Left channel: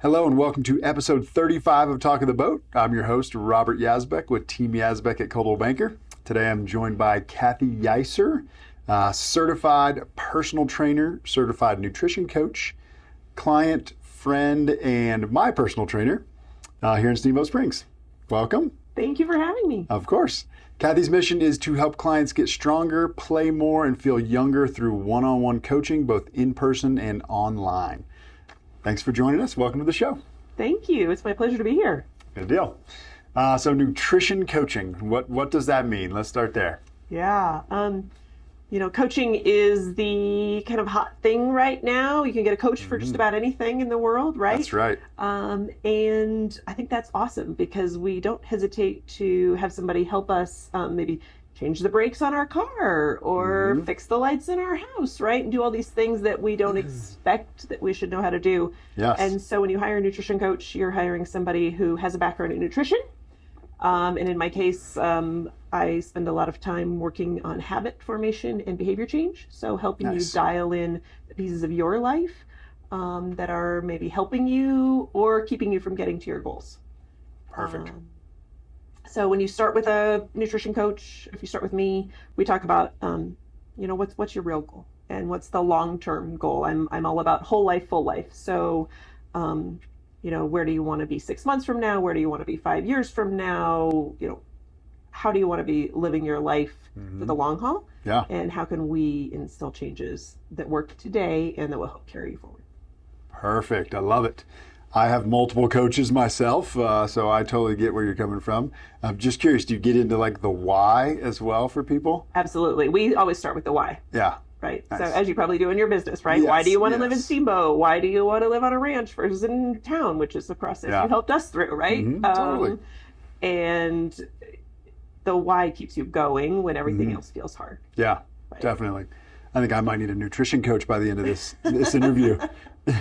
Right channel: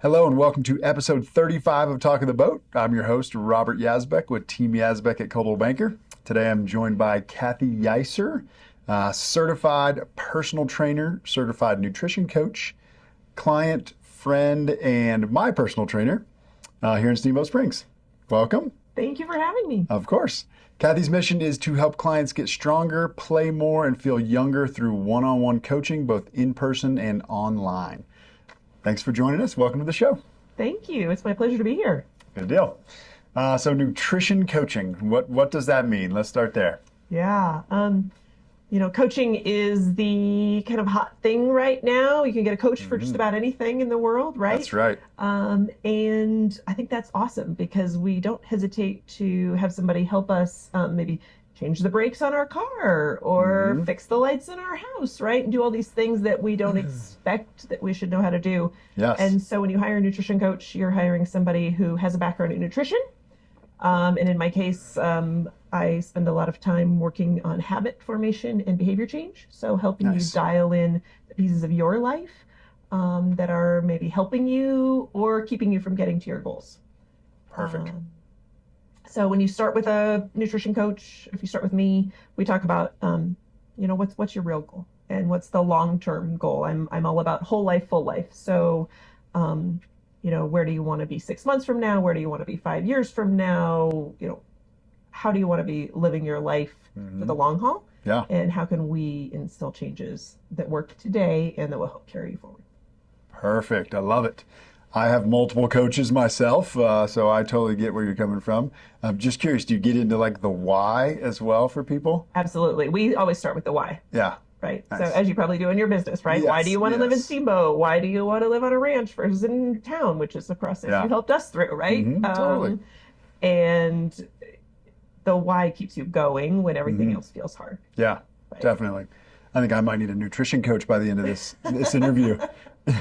Hello and welcome to episode 35 of Talk of the Boat. I'm your host, Robert Yazbek with Team Yazbek at Coldwell Banker. Today I'm joined by Kathy Yeiser, certified personal trainer, certified nutrition coach, client, friend, and my personal trainer here in Steamboat Springs. Welcome. Thank you for having me. Of course. Kathy's mission is to help clients get stronger, play more, and feel younger through one-on-one coaching, both in person and online. Thanks for joining us. Welcome to the show. Thank you. It's my pleasure to be here. Good deal. So nutrition coaching, what does that mean? Let's start there. Yeah. Coaching is the kind of hot thing right now. You can get a coach for just about anything in the world, right? That's right. And I think that's awesome because we don't hesitate to have somebody help us maybe change the brakes on our car or fix the lights in our house, right? And do all these things that we don't expect that we should know how to do. Yes. And so when you hire a nutrition coach, you're hiring somebody who has a background in nutrition. And in my case, I spend a lot of time working on habit formation and behavior change. So helping you dial in the pieces of your life that are maybe helping you or keeping you from getting to your goals. Perfect. So when you start with a nutrition coach, if you start with me, we talk about, what's your real goal and what's the long-term goal. I'm all about whole life, full life. So, where do you want to be 6 months from now? Where do you want to be 5 years from now? How do you want to be living your life for the long haul? Yeah. And how can we instill changes that work today and that will help carry you forward? Perfect. I love it. I have multiple coaches myself, so I totally get where you're coming from. I'm just curious, do you get into like the why as well for people? Absolutely. We always start with the why. Yeah. Right. Nice. So as you probably do in your business, right? Yes, Why do you want to live in yes. Steamboat? Why do you want to live on a ranch versus in town, which is the process you helped us through, right? Totally. And the why keeps you going when everything else feels hard. Yeah, Right. definitely. I think I might need a nutrition coach by the end of this interview.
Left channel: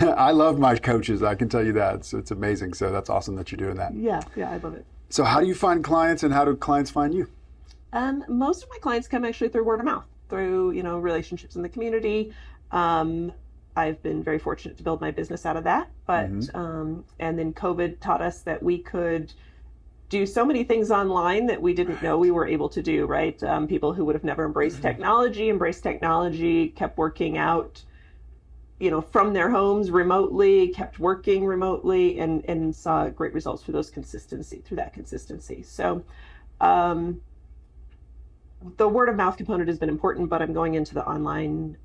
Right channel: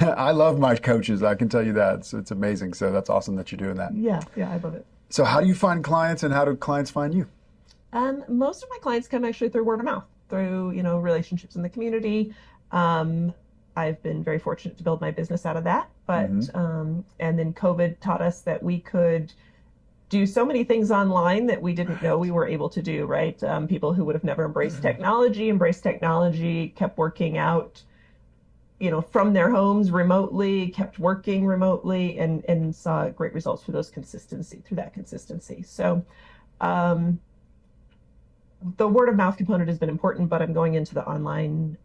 I love my coaches, I can tell you that. It's amazing. So that's awesome that you're doing that. Yeah, I love it. So how do you find clients and how do clients find you? Most of my clients come actually through word of mouth, through, relationships in the community. I've been very fortunate to build my business out of that. But, and then COVID taught us that we could do so many things online that we didn't know we were able to do, right? People who would have never embraced technology, kept working out, from their homes remotely, kept working remotely, and saw great results through that consistency. So the word of mouth component has been important, but I'm going into the online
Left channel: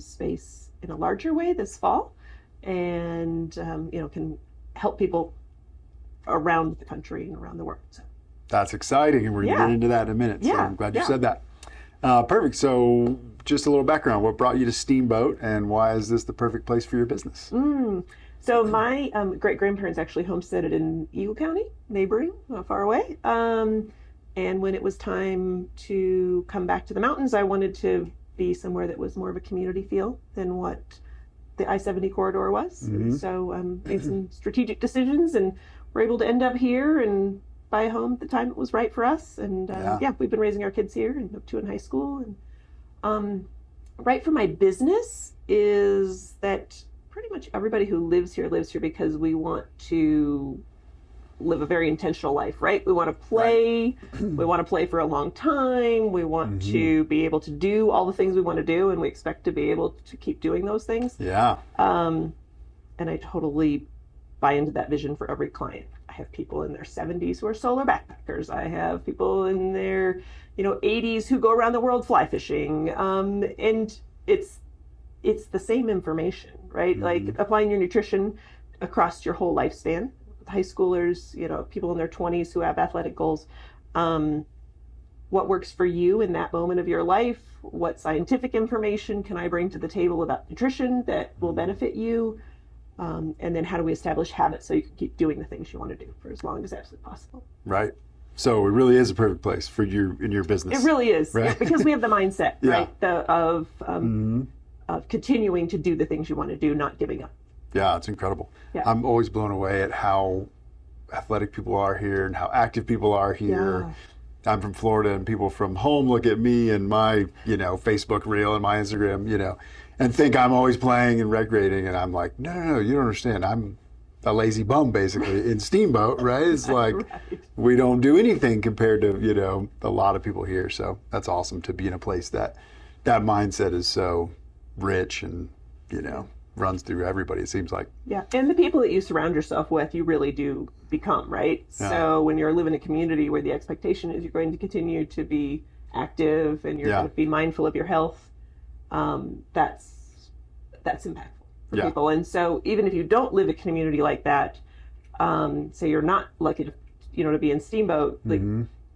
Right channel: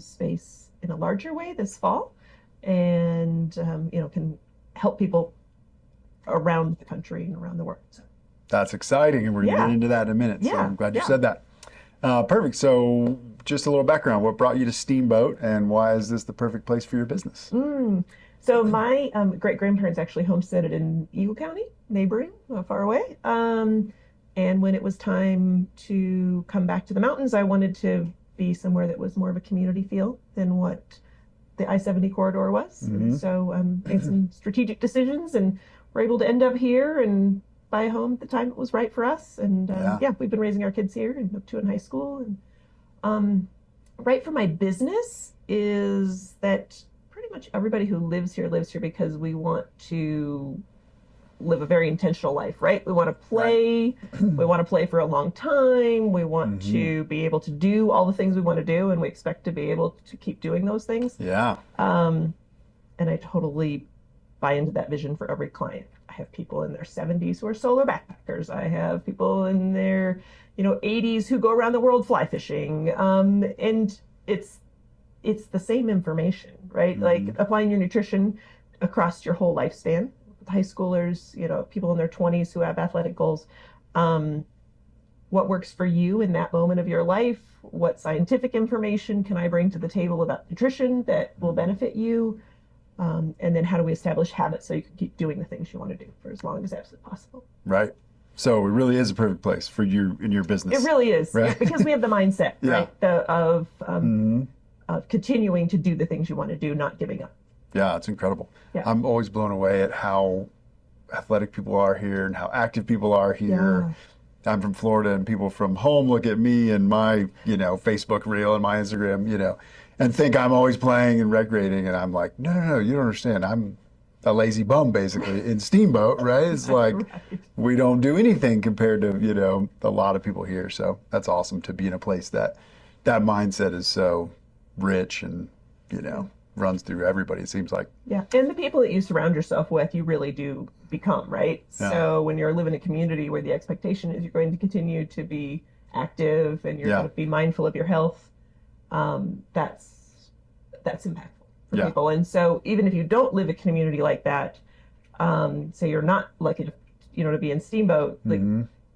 space in a larger way this fall, and can help people around the country and around the world. So. That's exciting, and we're going to get into that in a minute. So I'm glad you said that. Perfect. So just a little background. What brought you to Steamboat, and why is this the perfect place for your business? So my great-grandparents actually homesteaded in Eagle County, neighboring, not far away. And when it was time to come back to the mountains, I wanted to be somewhere that was more of a community feel than what the I-70 corridor was. And so made some strategic decisions and were able to end up here and buy a home at the time it was right for us. And we've been raising our kids here and up to in high school. And right for my business is that pretty much everybody who lives here because we want to live a very intentional life, right? We want to play. We want to play for a long time. We want to be able to do all the things we want to do, and we expect to be able to keep doing those things. Yeah. And I totally buy into that vision for every client. I have people in their 70s who are solar backpackers. I have people in their 80s who go around the world fly fishing. And it's the same information, right? Like applying your nutrition across your whole lifespan. High schoolers, people in their 20s who have athletic goals. What works for you in that moment of your life? What scientific information can I bring to the table about nutrition that will benefit you? And then how do we establish habits so you can keep doing the things you want to do for as long as absolutely possible? Right. So it really is a perfect place for you in your business. It really is, right? Because we have the mindset, right, of continuing to do the things you want to do, not giving up. Yeah, it's incredible. Yeah. I'm always blown away at how athletic people are here and how active people are here. Yeah. I'm from Florida, and people from home look at me and my, Facebook reel and my Instagram, and think I'm always playing and recreating, and I'm like, no, you don't understand. I'm a lazy bum basically in Steamboat, right? It's like Right. we don't do anything compared to, you know, a lot of people here. So that's awesome to be in a place that mindset is so rich and, you know, runs through everybody, it seems like. Yeah, and the people that you surround yourself with, you really do become, right? Yeah. So when you're living in a community where the expectation is you're going to continue to be active and you're going to be mindful of your health, that's impactful for people. And so even if you don't live in a community like that, say you're not lucky to, you know, to be in Steamboat, like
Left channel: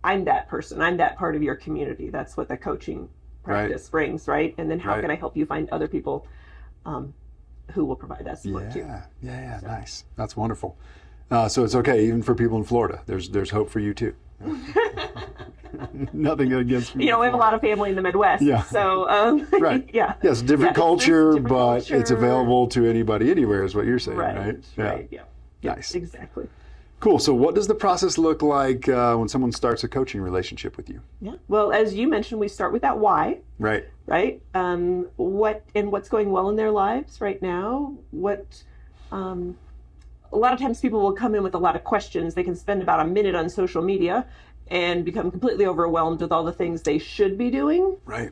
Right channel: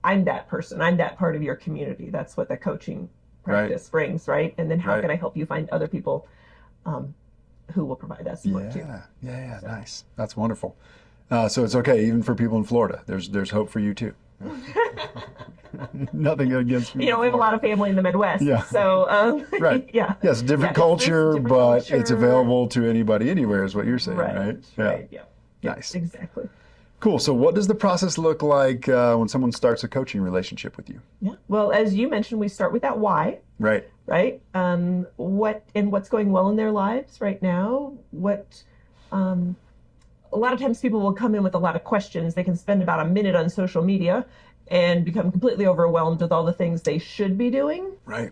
I'm that person, I'm that part of your community. That's what the coaching practice brings, right? And then how can I help you find other people who will provide that support too? So. Nice. That's wonderful. So it's okay, even for people in Florida. There's hope for you too. Nothing against me. You know, we have a lot of family in the Midwest. Yeah. So, right. Yeah. Yes, different culture, but it's available to anybody anywhere is what you're saying, right? Right. Yeah. Nice. Exactly. Cool. So what does the process look like when someone starts a coaching relationship with you? Yeah. Well, as you mentioned, we start with that why. Right. Right. What's going well in their lives right now? A lot of times people will come in with a lot of questions. They can spend about a minute on social media and become completely overwhelmed with all the things they should be doing. Right.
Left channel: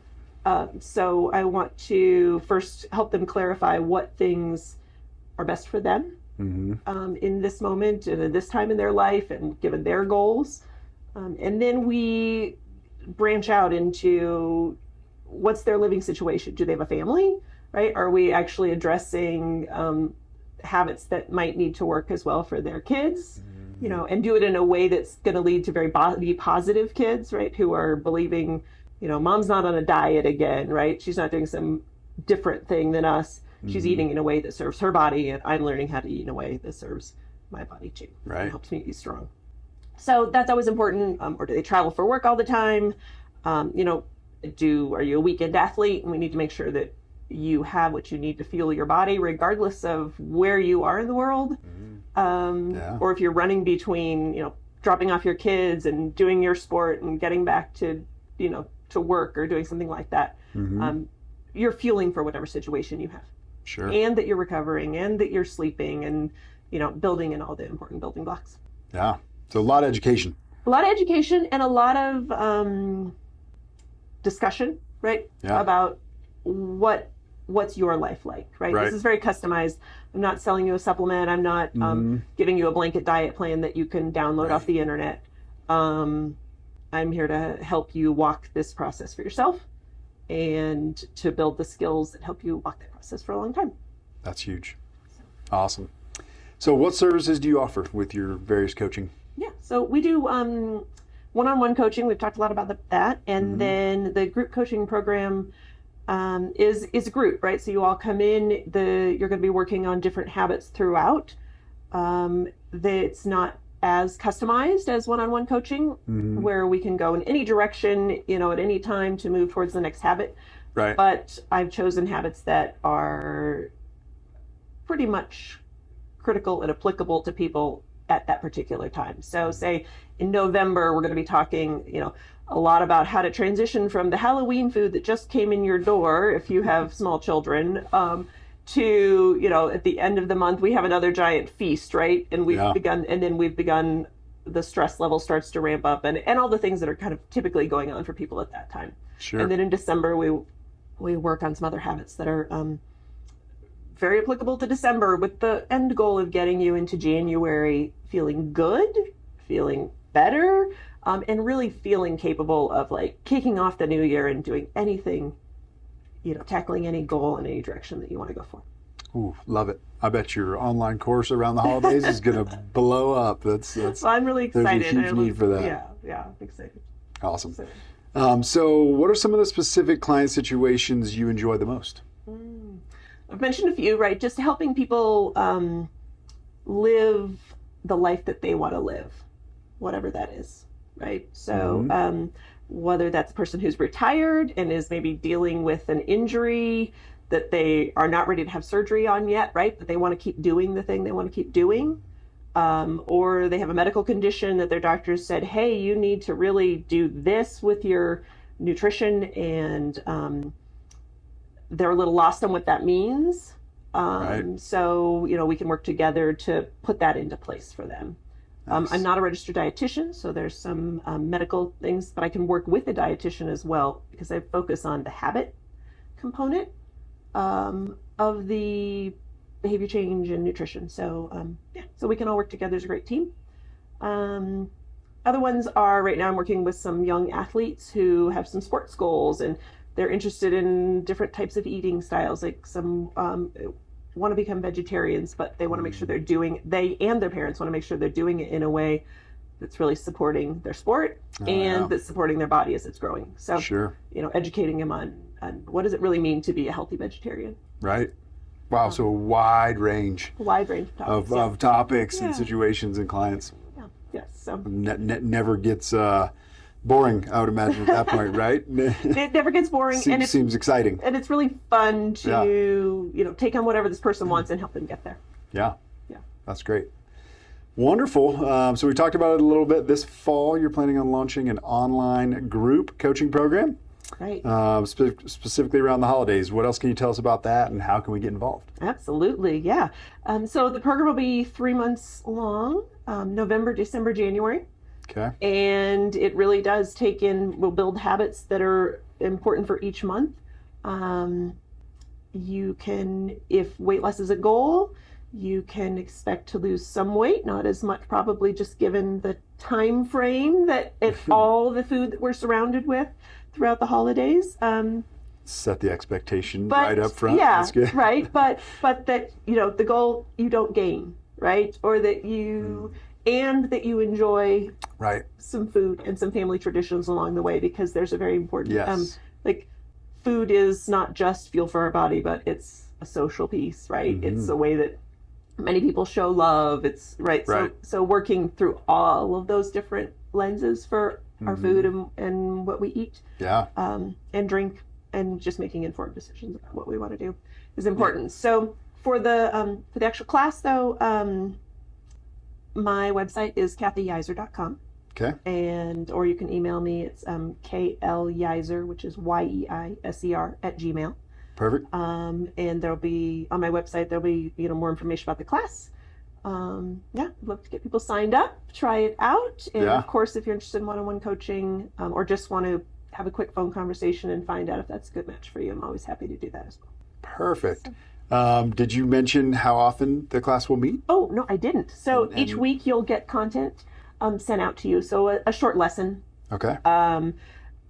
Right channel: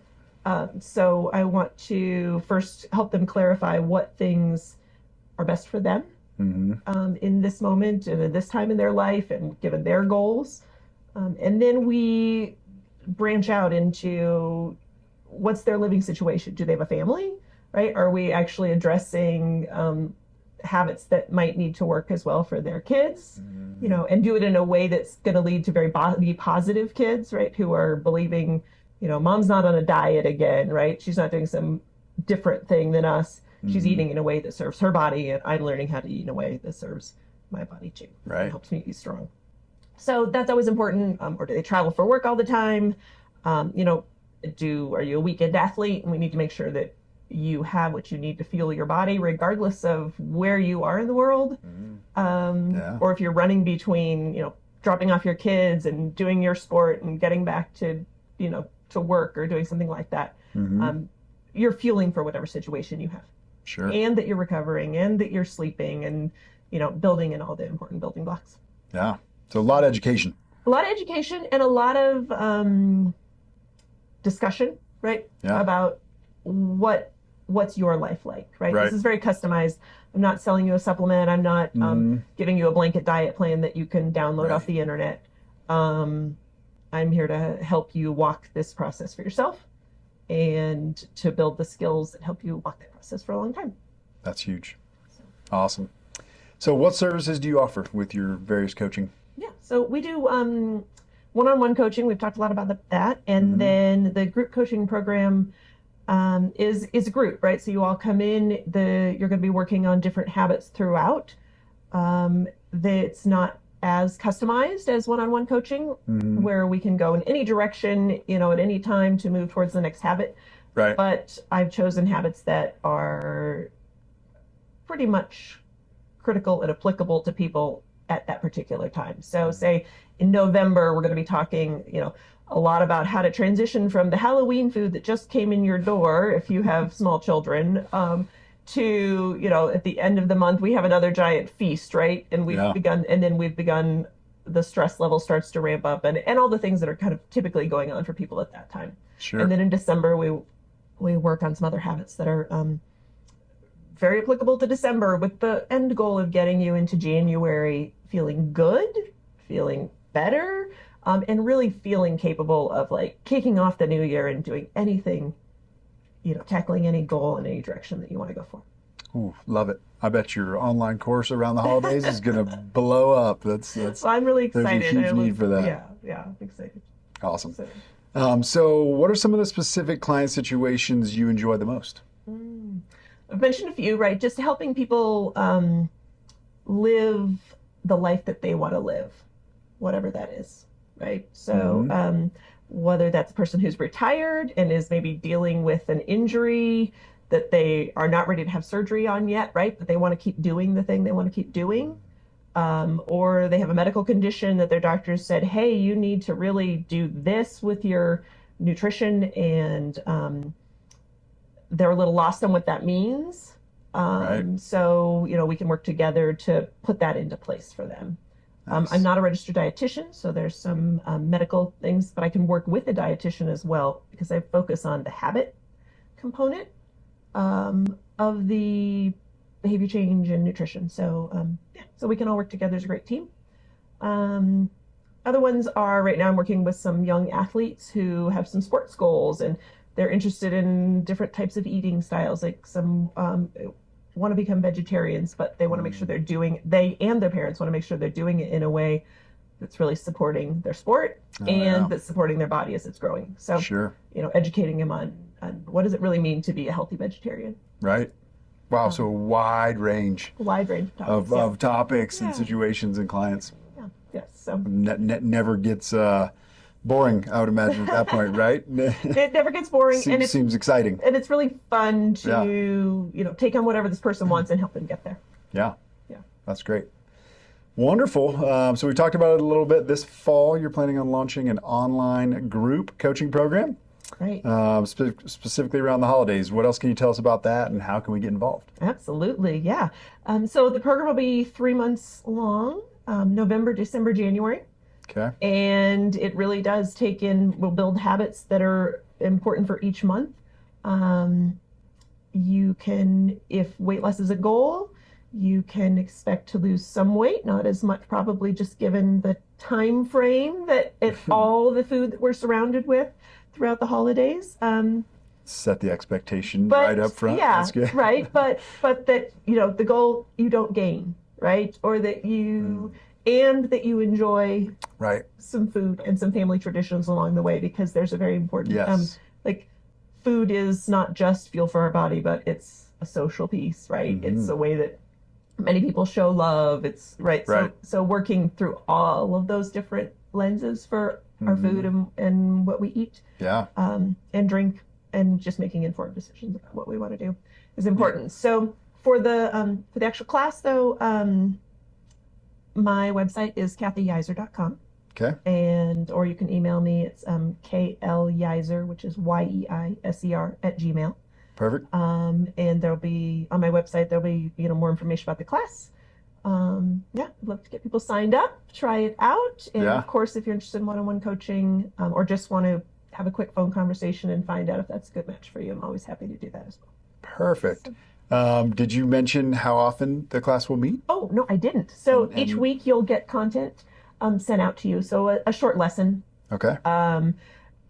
So I want to first help them clarify what things are best for them in this moment and at this time in their life and given their goals. And then we branch out into what's their living situation. Do they have a family, right? Are we actually addressing habits that might need to work as well for their kids, you know, and do it in a way that's going to lead to very body positive kids, right? Who are believing, you know, mom's not on a diet again, right? She's not doing some different thing than us. She's eating in a way that serves her body, and I'm learning how to eat in a way that serves my body too. Right. It helps me be strong. So that's always important. Or do they travel for work all the time? You know, are you a weekend athlete? And we need to make sure that you have what you need to fuel your body regardless of where you are in the world. Or if you're running between, you know, dropping off your kids and doing your sport and getting back to, you know, to work or doing something like that. You're fueling for whatever situation you have. Sure. And that you're recovering and that you're sleeping and, you know, building in all the important building blocks. Yeah. So a lot of education. A lot of education and a lot of discussion, right? Yeah. About what's your life like, right? This is very customized. I'm not selling you a supplement. I'm not giving you a blanket diet plan that you can download off the internet. I'm here to help you walk this process for yourself and to build the skills that help you walk that process for a long time. That's huge. Awesome. So what services do you offer with your various coaching? Yeah, so we do one-on-one coaching. We've talked a lot about that. And then the group coaching program is a group, right? So you all come in, you're going to be working on different habits throughout. It's not as customized as one-on-one coaching, where we can go in any direction, you know, at any time to move towards the next habit. Right. But I've chosen habits that are pretty much critical and applicable to people at that particular time. So say in November, we're going to be talking, you know, a lot about how to transition from the Halloween food that just came in your door, if you have small children, to, you know, at the end of the month, we have another giant feast, right? And we've begun, the stress level starts to ramp up and all the things that are kind of typically going on for people at that time. Sure. And then in December, we work on some other habits that are very applicable to December, with the end goal of getting you into January feeling good, feeling better, and really feeling capable of like kicking off the new year and doing anything, you know, tackling any goal in any direction that you want to go for. Ooh, love it. I bet your online course around the holidays is going to blow up. That's So I'm really excited. There's a huge need for that. Yeah, I'm excited. Awesome. So what are some of the specific client situations you enjoy the most? I've mentioned a few, right? Just helping people live the life that they want to live, whatever that is, right? So whether that's a person who's retired and is maybe dealing with an injury that they are not ready to have surgery on yet, right? But they want to keep doing the thing they want to keep doing. Or they have a medical condition that their doctors said, hey, you need to really do this with your nutrition, and they're a little lost on what that means. Right. So, we can work together to put that into place for them. Nice. I'm not a registered dietitian, so there's some medical things, but I can work with a dietitian as well because I focus on the habit component of the behavior change and nutrition. So, so we can all work together as a great team. Other ones are right now I'm working with some young athletes who have some sports goals and they're interested in different types of eating styles, like some want to become vegetarians, but they want to make sure they and their parents want to make sure they're doing it in a way that's really supporting their sport that's supporting their body as it's growing. So, sure. Educating them on what does it really mean to be a healthy vegetarian. Right. Wow. So a wide range of topics and situations and clients. Yeah. Yes. So never gets boring, I would imagine, at that point, right? It never gets boring. And it seems exciting. And it's really fun to, take on whatever this person wants and help them get there. Yeah. Yeah. That's great. Wonderful. So we talked about it a little bit. This fall, you're planning on launching an online group coaching program. Right. Specifically around the holidays. What else can you tell us about that and how can we get involved? Absolutely. Yeah. So the program will be 3 months long, November, December, January. Okay. And it really does we'll build habits that are important for each month. You can, if weight loss is a goal, you can expect to lose some weight, not as much probably just given the time frame that all the food that we're surrounded with throughout the holidays. Set the expectation right up front. Yeah, that's good. Right. But that, the goal you don't gain, right? Or that you... and that you enjoy some food and some family traditions along the way, because there's a very important, food is not just fuel for our body, but it's a social piece, right? Mm-hmm. It's a way that many people show love. It's right. So working through all of those different lenses for our food and what we eat, and drink, and just making informed decisions about what we want to do is important. Yeah. So for the actual class, though, my website is kathyyeiser.com. Okay. Or you can email me. It's KLYeiser, which is YEISER @gmail. Perfect. And there'll be on my website, there'll be more information about the class. I'd love to get people signed up, try it out. And of course, if you're interested in one-on-one coaching, or just want to have a quick phone conversation and find out if that's a good match for you, I'm always happy to do that as well. Perfect. Did you mention how often the class will meet? Oh, no, I didn't. So each week you'll get content sent out to you. So a short lesson. Okay.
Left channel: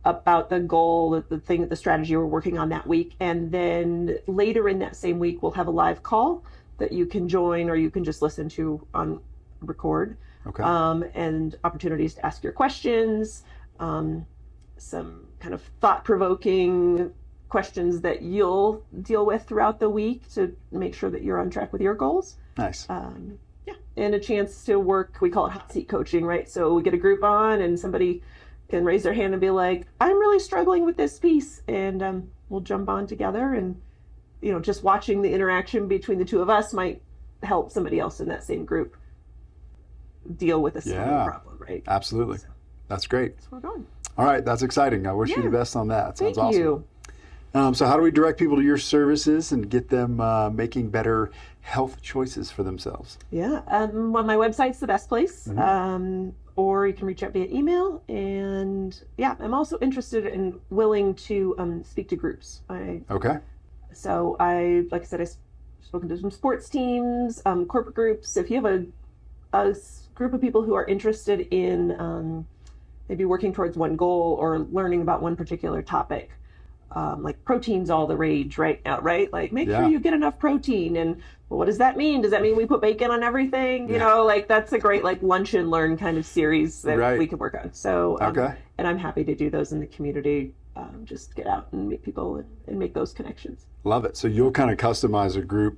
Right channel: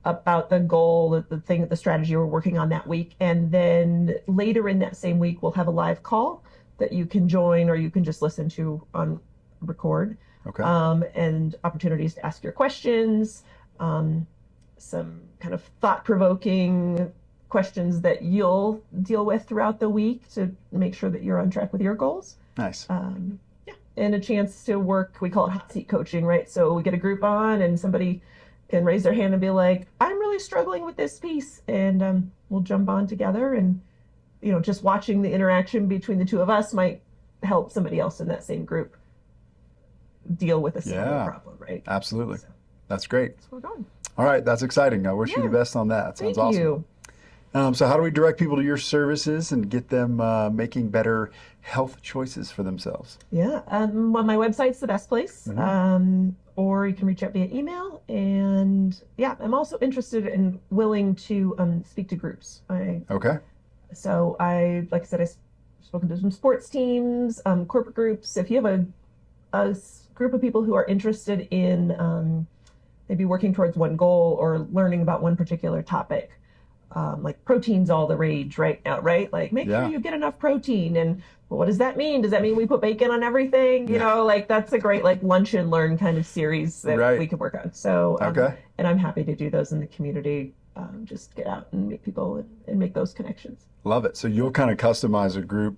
About the goal, the strategy we're working on that week. And then later in that same week, we'll have a live call that you can join, or you can just listen to on record. Okay. And opportunities to ask your questions, some kind of thought-provoking questions that you'll deal with throughout the week to make sure that you're on track with your goals. Nice. And a chance to work, we call it hot seat coaching, right? So we get a group on and somebody can raise their hand and be like, I'm really struggling with this piece. And we'll jump on together, and, just watching the interaction between the two of us might help somebody else in that same group deal with a similar problem, right? Absolutely. So, that's great. That's where we're going. All right. That's exciting. I wish you the best on that. Sounds awesome. Thank you. So how do we direct people to your services and get them making better health choices for themselves? Yeah, well, my website's the best place, or you can reach out via email. And I'm also interested and willing to speak to groups. So like I said, I've spoken to some sports teams, corporate groups. If you have a group of people who are interested in maybe working towards one goal or learning about one particular topic, like protein's all the rage right now, right? Like make sure you get enough protein. And what does that mean? Does that mean we put bacon on everything? That's a great lunch and learn kind of series that we could work on. So, and I'm happy to do those in the community. Just get out and meet people and make those connections. Love it. So you'll kind of customize a group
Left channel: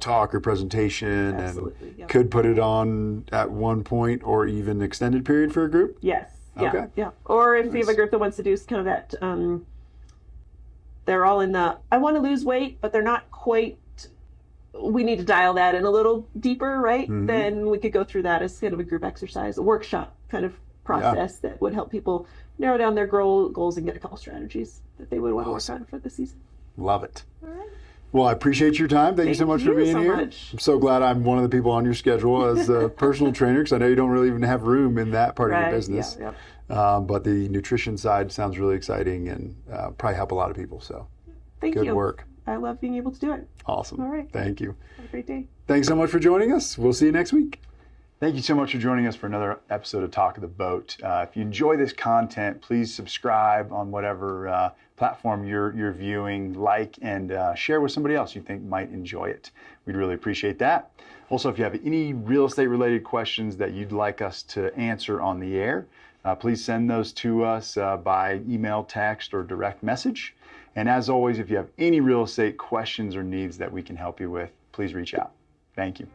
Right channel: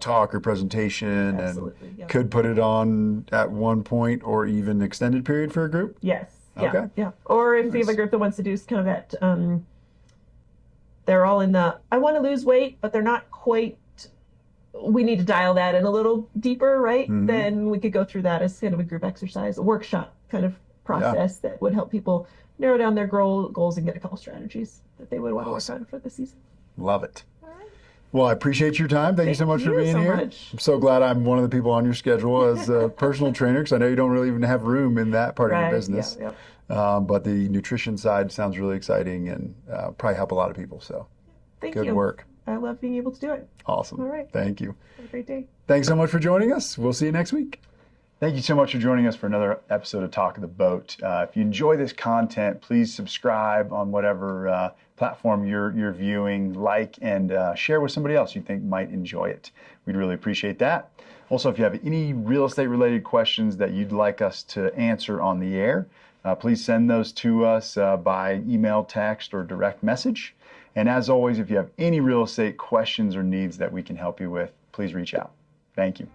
talk or presentation. Absolutely, and could put it on at one point or even extended period for a group? Yes. Yeah. Yeah. Or if you have a group that wants to do kind of that, they're all in I want to lose weight, but they're not quite, we need to dial that in a little deeper, right? Mm-hmm. Then we could go through that as kind of a group exercise, a workshop kind of process that would help people narrow down their goals and get a couple strategies that they would want to work on for the season. Love it. All right. Well, I appreciate your time. Thank you so much for being here. I'm so glad I'm one of the people on your schedule as a personal trainer, because I know you don't really even have room in that part of your business. But the nutrition side sounds really exciting and probably help a lot of people. So Thank you. Good work. I love being able to do it. Awesome. All right. Thank you. Have a great day. Thanks so much for joining us. We'll see you next week. Thank you so much for joining us for another episode of Talk of the Boat. If you enjoy this content, please subscribe on whatever platform you're viewing, like, and share with somebody else you think might enjoy it. We'd really appreciate that. Also, if you have any real estate related questions that you'd like us to answer on the air, please send those to us by email, text, or direct message. And as always, if you have any real estate questions or needs that we can help you with, please reach out. Thank you.